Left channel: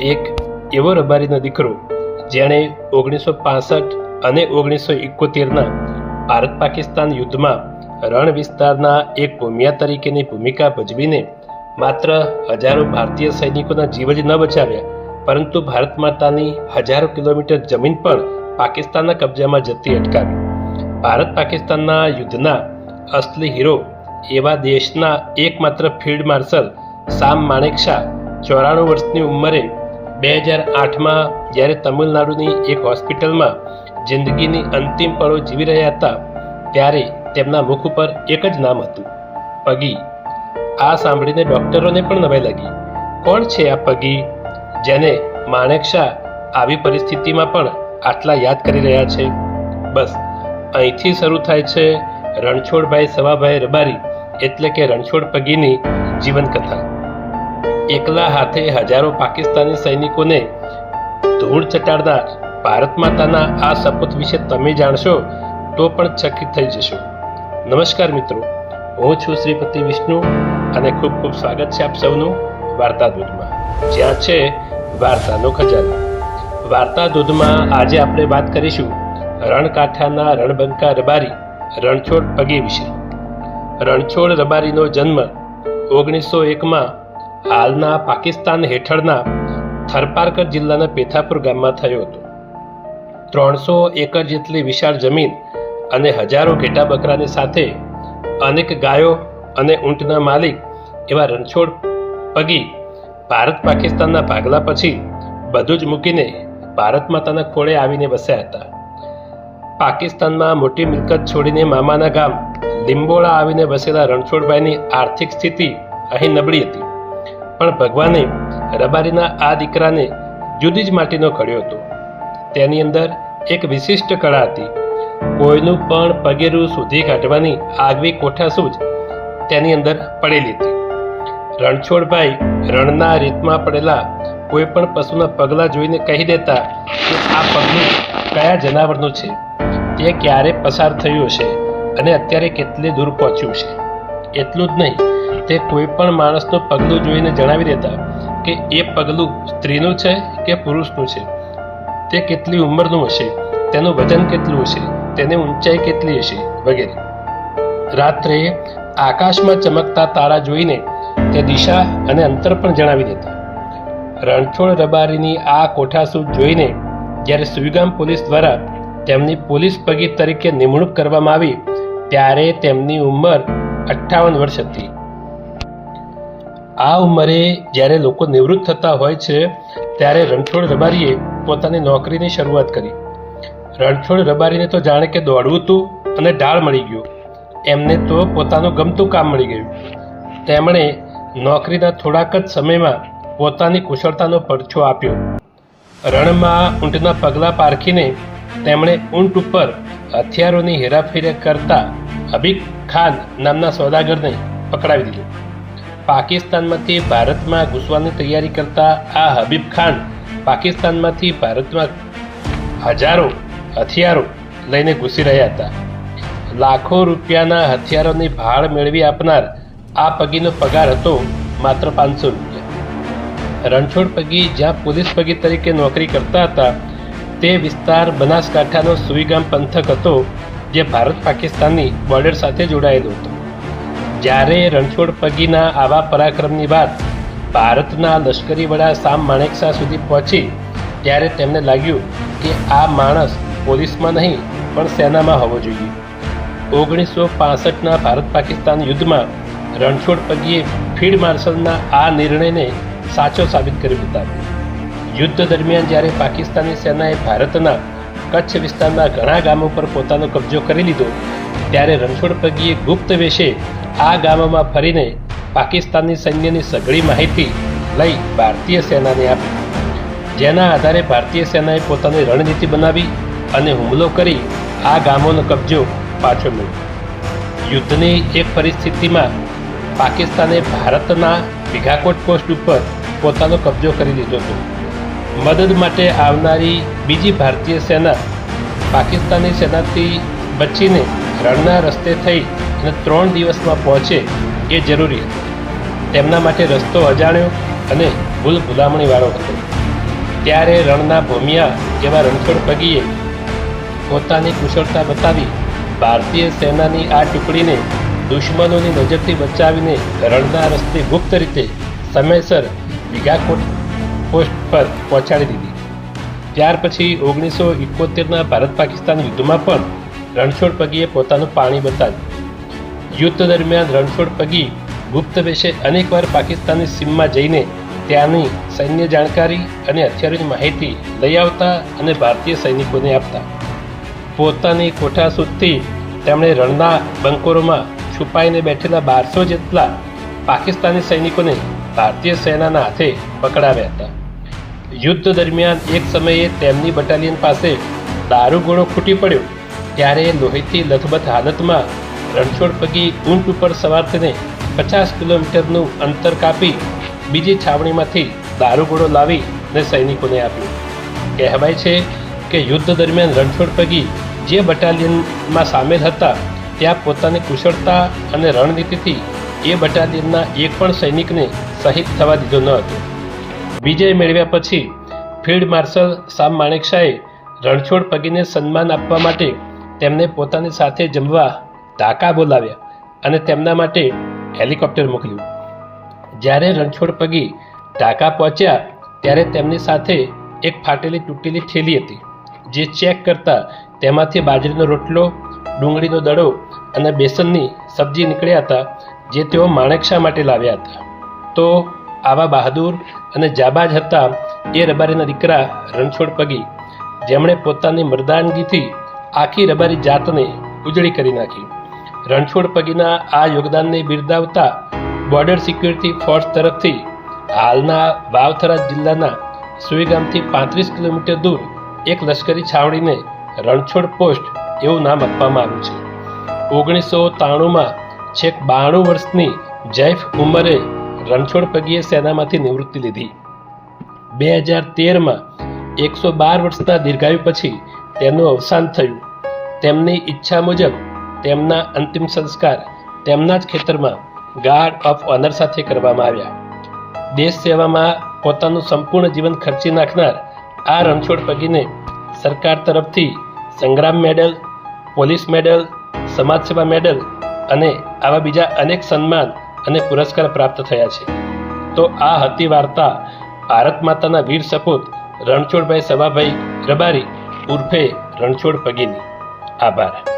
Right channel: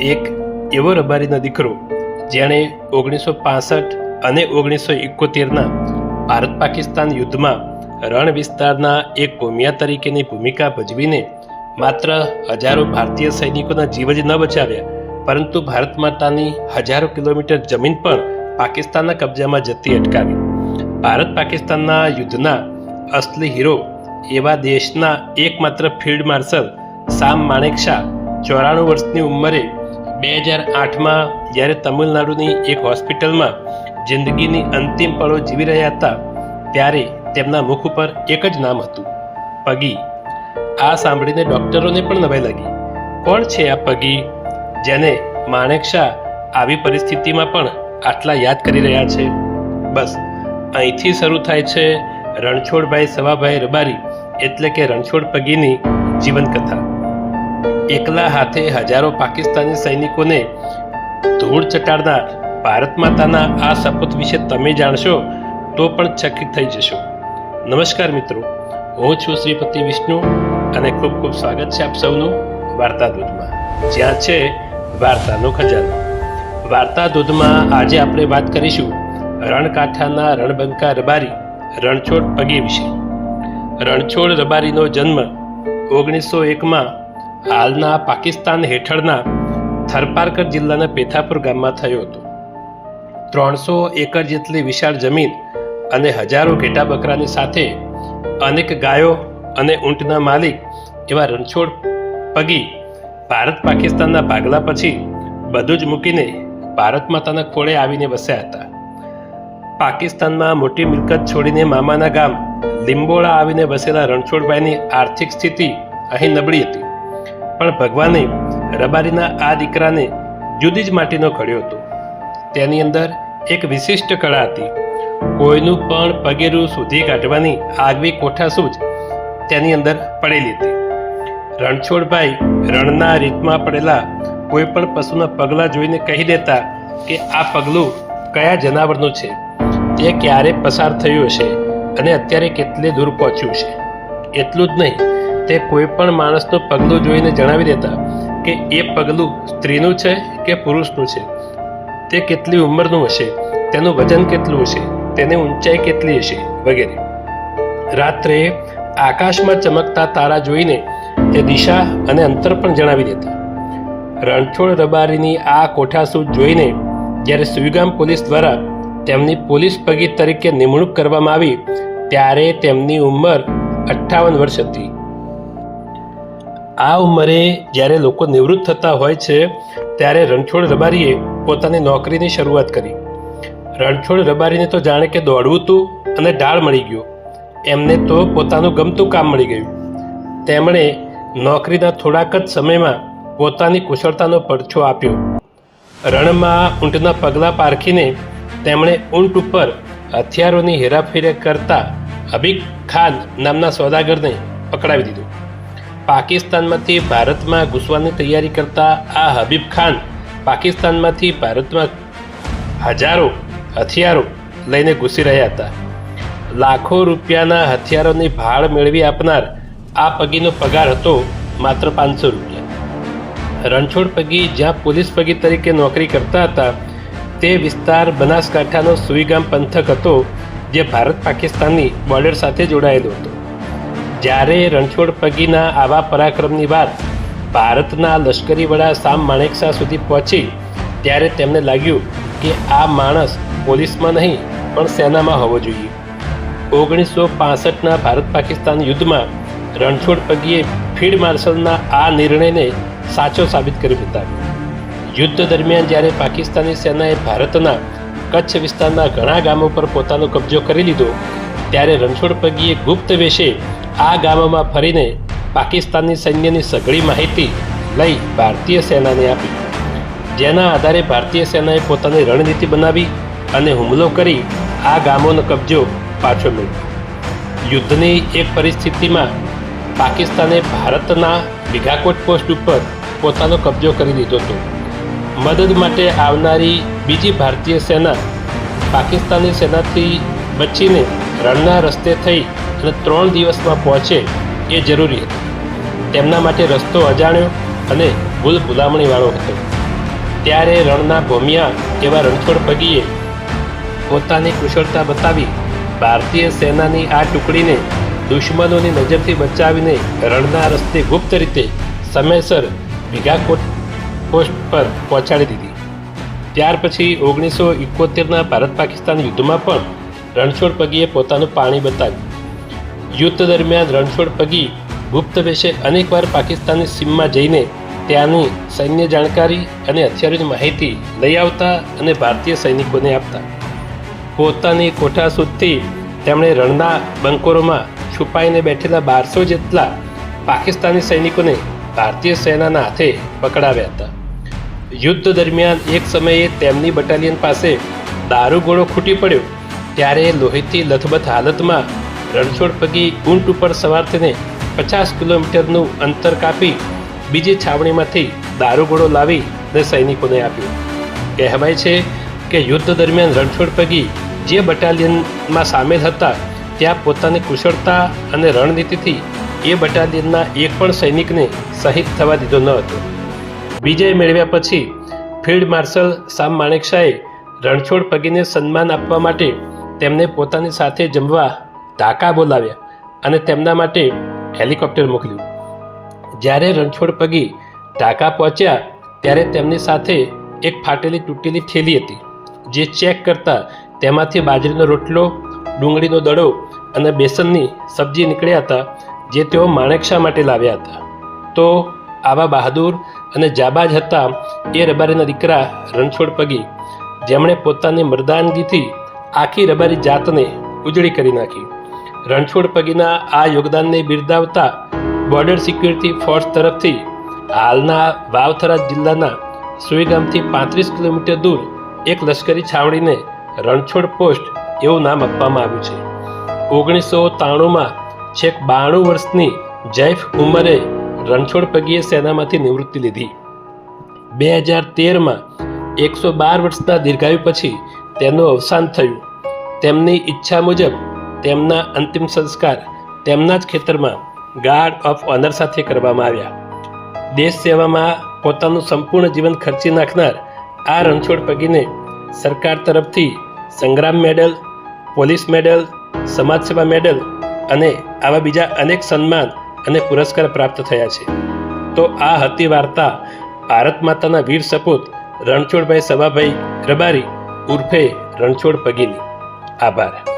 એક એવો રબારીનો દીકરો જેણે 1965 અને 1971ના ભારત પાકિસ્તાન યુદ્ધમાં રણ વિસ્તારના એક ભૂમિયા તરીકેની ભૂમિકા ભજવીને માત્ર હજારો ભારતીય સૈનિકોના જીવ જ ન બચાવ્યા, પરંતુ ભારત માતાની હજારો કિલોમીટર જમીન પણ પાકિસ્તાનના કબજામાં જતી અટકાવી. ભારત પાકિસ્તાનના યુદ્ધના અસલી હીરો એવા દેશના એકમાત્ર ફિલ્ડ માર્શલ સામ માણેકશા 94 વર્ષની ઉંમરે 2008માં જ્યારે તમિલનાડુની એક હોસ્પિટલમાં જિંદગીની અંતિમ પળો જીવી રહ્યા હતા, ત્યારે તેમના મુખ ઉપર એક જ નામ હતું, પગી. આ સાંભળીને ડૉક્ટરોને પણ નવાઈ લાગી. કોણ છે આ પગી જેને માણેકશા આવી પરિસ્થિતિમાં પણ આટલા યાદ કરી રહ્યા છે? બસ અહીંથી શરૂ થાય છે રણછોડભાઈ સવાભાઈ રબારી એટલે કે રણછોડ પગીની જીવનકથા. એકલા હાથે હજારો પાકિસ્તાની સૈનિકોને ધૂળ ચટાડનાર ભારત માતાના આ સપૂત વિશે તમે જાણશો તો પણ ચકિત થઈ જશો. નમસ્કાર મિત્રો, હું છું શ્રીપતિ વિષ્ણુ અને ખૂબ ખૂબ સ્વાગત છે આપ સૌનું વાર્તા દૂધમાં, જ્યાં છે વાર્તાનો ખજાનો. વાર્તા દૂધમાં આજે આપણે વાત કરીશું રણકાંઠાના રણબંકા રબારી રણછોડ પગી વિશે. રણછોડ રબારીનો જન્મ 1901માં હાલના પાકિસ્તાન હેઠળના થરપારકર જિલ્લાના પેથાપુર ગામમાં થયો હતો. 300 એકર જેટલી વિશાળ જમીન અને હજારો ઘેટા બકરાની સાથે અનેક ગાયો અને ઊંટના માલિક એવા રણછોડ પગી ભારત પાકિસ્તાનના ભાગલા પછી બધું જ મૂકીને ભારત માતાના ખોળે આવીને વસ્યા હતા. પાકિસ્તાનમાં મોટી મિલકત છોડીને મામાના ગામ લીંબોળા આવીને વસેલા રણછોડભાઈની આર્થિક સ્થિતિ અહીં નબળી હતી, પણ ભગવાને રબારીના આ દીકરાને જુદી જ માટીનો ઘડ્યો હતો. તેની અંદર એક વિશિષ્ટ કળા હતી. કોઈનું પણ પગેરું શોધી કાઢવાની આગવી કોઠાસૂઝ તેની અંદર પડેલી હતી. રણછોડભાઈ રણના રીતમાં પડેલા કોઈ પણ પશુના પગલા જોઈને કહી દેતા કે આ પગલું કયા જનાવરનું છે, તે ક્યારે પસાર થયું હશે અને અત્યારે કેટલે દૂર પહોંચ્યું છે. એટલું જ નહીં, તે કોઈ પણ માણસનું પગલું જોઈને જણાવી દેતા કે એ પગલું સ્ત્રીનું છે કે પુરુષનું છે, તે કેટલી ઉંમરનું હશે, તેનું વજન કેટલું હશે, તેની ઊંચાઈ કેટલી હશે વગેરે. રાત્રે આકાશમાં ચમકતા તારા જોઈને તે દિશા અને અંતર પણ જણાવી દેતા. રણછોડ રબારીની આ કોઠાસૂઝ જોઈને જ્યારે સુઈગામ પોલીસ દ્વારા તેમની પોલીસ પગી તરીકે નિમણૂક કરવામાં આવી, ત્યારે તેમની ઉંમર 58 વર્ષ હતી. આ ઉંમરે જ્યારે લોકો નિવૃત્ત થતા હોય છે, ત્યારે રણછોડ રબારીએ પોતાની નોકરીની શરૂઆત કરી. રણછોડ રબારીને તો જાણે કે દોડવું હતું અને ઢાળ મળી ગયો. એમને તો પોતાનું ગમતું કામ મળી ગયું. તેમણે નોકરીના થોડાક જ સમયમાં પોતાની કુશળતાનો પડછો આપ્યો. રણમાં ઊંટના પગલાં પારખીને તેમણે ઊંટ ઉપર હથિયારોની હેરાફેરી કરતા હબીબ ખાન નામના સોદાગરને પકડાવી દીધો. પાકિસ્તાનમાંથી ભારતમાં ઘૂસવાની તૈયારી કરતા આ હબીબ ખાન પાકિસ્તાનમાંથી ભારતમાં હજારો હથિયારો લઈને ઘૂસી રહ્યા હતા. લાખો રૂપિયાના હથિયારોની ભાળ મેળવી આપનાર આ પગીનો પગાર હતો માત્ર 500 રૂપિયા. રણછોડ પગી જ્યાં પોલીસ પગી તરીકે નોકરી કરતા હતા, તે વિસ્તાર બનાસકાંઠાનો સુઈગામ પંથક હતો, જે ભારત પાકિસ્તાનની બોર્ડર સાથે જોડાયેલો હતો. જ્યારે રણછોડ પગીના આવા પરાક્રમની વાત ભારતના લશ્કરી વડા સામ માણેકશા સુધી પહોંચી, ત્યારે તેમને લાગ્યું કે આ માણસ પોલીસમાં નહીં પણ સેનામાં હોવો જોઈએ. 1965ના ભારત પાકિસ્તાન યુદ્ધમાં રણછોડ પગીએ ફિલ્ડ માર્શલના આ નિર્ણયને સાચો સાબિત કરી બતાવ્યો. યુદ્ધ દરમિયાન જ્યારે પાકિસ્તાની સેનાએ ભારતના કચ્છ વિસ્તારના ઘણા ગામો પર પોતાનો કબજો કરી લીધો, ત્યારે રણછોડ પગીએ ગુપ્ત વેશે આ ગામોમાં ફરીને પાકિસ્તાની સૈન્યની સઘળી માહિતી લઈ ભારતીય સેનાને આપી, જેના આધારે ભારતીય સેનાએ પોતાની રણનીતિ બનાવી અને હુમલો કરી આ ગામોનો કબજો પાછો મેળવ્યો. યુદ્ધની એક પરિસ્થિતિમાં પાકિસ્તાને ભારતના વિઘાકોટ પોસ્ટ ઉપર પોતાનો કબજો કરી લીધો હતો. મદદ માટે આવનારી બીજી ભારતીય સેના પાકિસ્તાની સેનાથી બચીને રણના રસ્તે થઈ અને 3 દિવસમાં પહોંચે એ જરૂરી હતું. તેમના માટે રસ્તો અજાણ્યો અને ભૂલ ભૂલામણીવાળો હતો. ત્યારે રણના ભોમિયા એવા રણછોડ પગીએ પોતાની કુશળતા બતાવી ભારતીય સેનાની આ ટુકડીને દુશ્મનોની નજરથી બચાવીને રણના રસ્તે ગુપ્ત રીતે સમયસર વિઘાકોટ પોસ્ટ પર પહોંચાડી દીધી. ત્યાર પછી 1971ના ભારત પાકિસ્તાન યુદ્ધમાં પણ રણછોડ પગીએ પોતાનું પાણી બતાવ્યું. યુદ્ધ દરમિયાન રણછોડ પગી ગુપ્ત વેશે અનેકવાર પાકિસ્તાનની સીમમાં જઈને ત્યાંની સૈન્ય જાણકારી અને હથિયારોની માહિતી લઈ આવતા અને ભારતીય સૈનિકોને આપતા. પોતાની કોઠાસૂઝથી તેમણે રણના બંકરોમાં છુપાઈને બેઠેલા 1200 જેટલા પાકિસ્તાની સૈનિકોને ભારતીય સેનાના હાથે પકડાવ્યા હતા. યુદ્ધ દરમિયાન એક સમયે તેમની બટાલિયન પાસે દારૂગોળો ખૂટી પડ્યો ત્યારે લોહીથી લથબથ હાલતમાં રણછોડ પગી ઊંટ ઉપર સવાર થઈને 50 કિલોમીટરનું અંતર કાપી બીજી છાવણીમાંથી દારૂગોળો લાવીને સૈનિકોને આપ્યો. કહેવાય છે કે યુદ્ધ દરમિયાન રણછોડ પગી જે બટાલિયનમાં સામેલ હતા ત્યાં પોતાની કુશળતા અને રણનીતિથી એ બટાલિયનના એક પણ સૈનિકને શહીદ થવા દીધો ન હતો. વિજય મેળવ્યા પછી ફિલ્ડ માર્શલ સામ માણેકશાહે રણછોડ પગીને સન્માન આપવા માટે તેમને પોતાની સાથે જમવા ઢાકા બોલાવ્યા અને તેમના માટે હેલિકોપ્ટર મોકલ્યું. જ્યારે રણછોડ પગી ઢાકા પહોંચ્યા ત્યારે તેમની સાથે એક ફાટેલી તૂટેલી થેલી હતી. જે ચેક કરતા તેમાંથી બાજરીનો રોટલો, ડુંગળીનો દડો અને બેસનની સબ્જી નીકળ્યા હતા જે તેઓ માણેકશા માટે લાવ્યા હતા. તો આવા બહાદુર અને જાબાજ હતા એ રબારીના દીકરા રણછોડ પગી, જેમણે પોતાની મર્દાનગીથી આખી રબારી જાતને ઉજળી કરી નાખી. રણછોડ પગીના આ યોગદાનને બિરદાવતા બોર્ડર સિક્યુરિટી ફોર્સ તરફથી હાલના વાવથરા જિલ્લાના સુઈ ગામથી 35 કિલોમીટર દૂર એક લશ્કરી છાવણીને રણછોડ પોસ્ટ એવું નામ આપવામાં આવ્યું છે. 1993માં છેક 92 વર્ષની જૈફ ઉંમરે રણછોડ પગીએ સેનામાંથી નિવૃત્તિ લીધી. 2013માં 112 વર્ષના દીર્ઘાયુ પછી તેમનું અવસાન થયું. તેમની ઈચ્છા મુજબ તેમના અંતિમ સંસ્કાર તેમના જ ખેતરમાં ગાર્ડ ઓફ ઓનર સાથે કરવામાં આવ્યા. દેશ સેવામાં પોતાનું સંપૂર્ણ જીવન ખર્ચી નાખનાર આ રણછોડ પગીને સરકાર તરફથી સંગ્રામ મેડલ, પોલીસ મેડલ, સમાજ સેવા મેડલ અને આવા બીજા અનેક સન્માન અને પુરસ્કાર પ્રાપ્ત થયા છે. તો આ હતી વાર્તા ભારત માતાના વીર સપૂત રણછોડભાઈ સવાભાઈ રબારી ઉર્ફે રણછોડ પગીની. આભાર.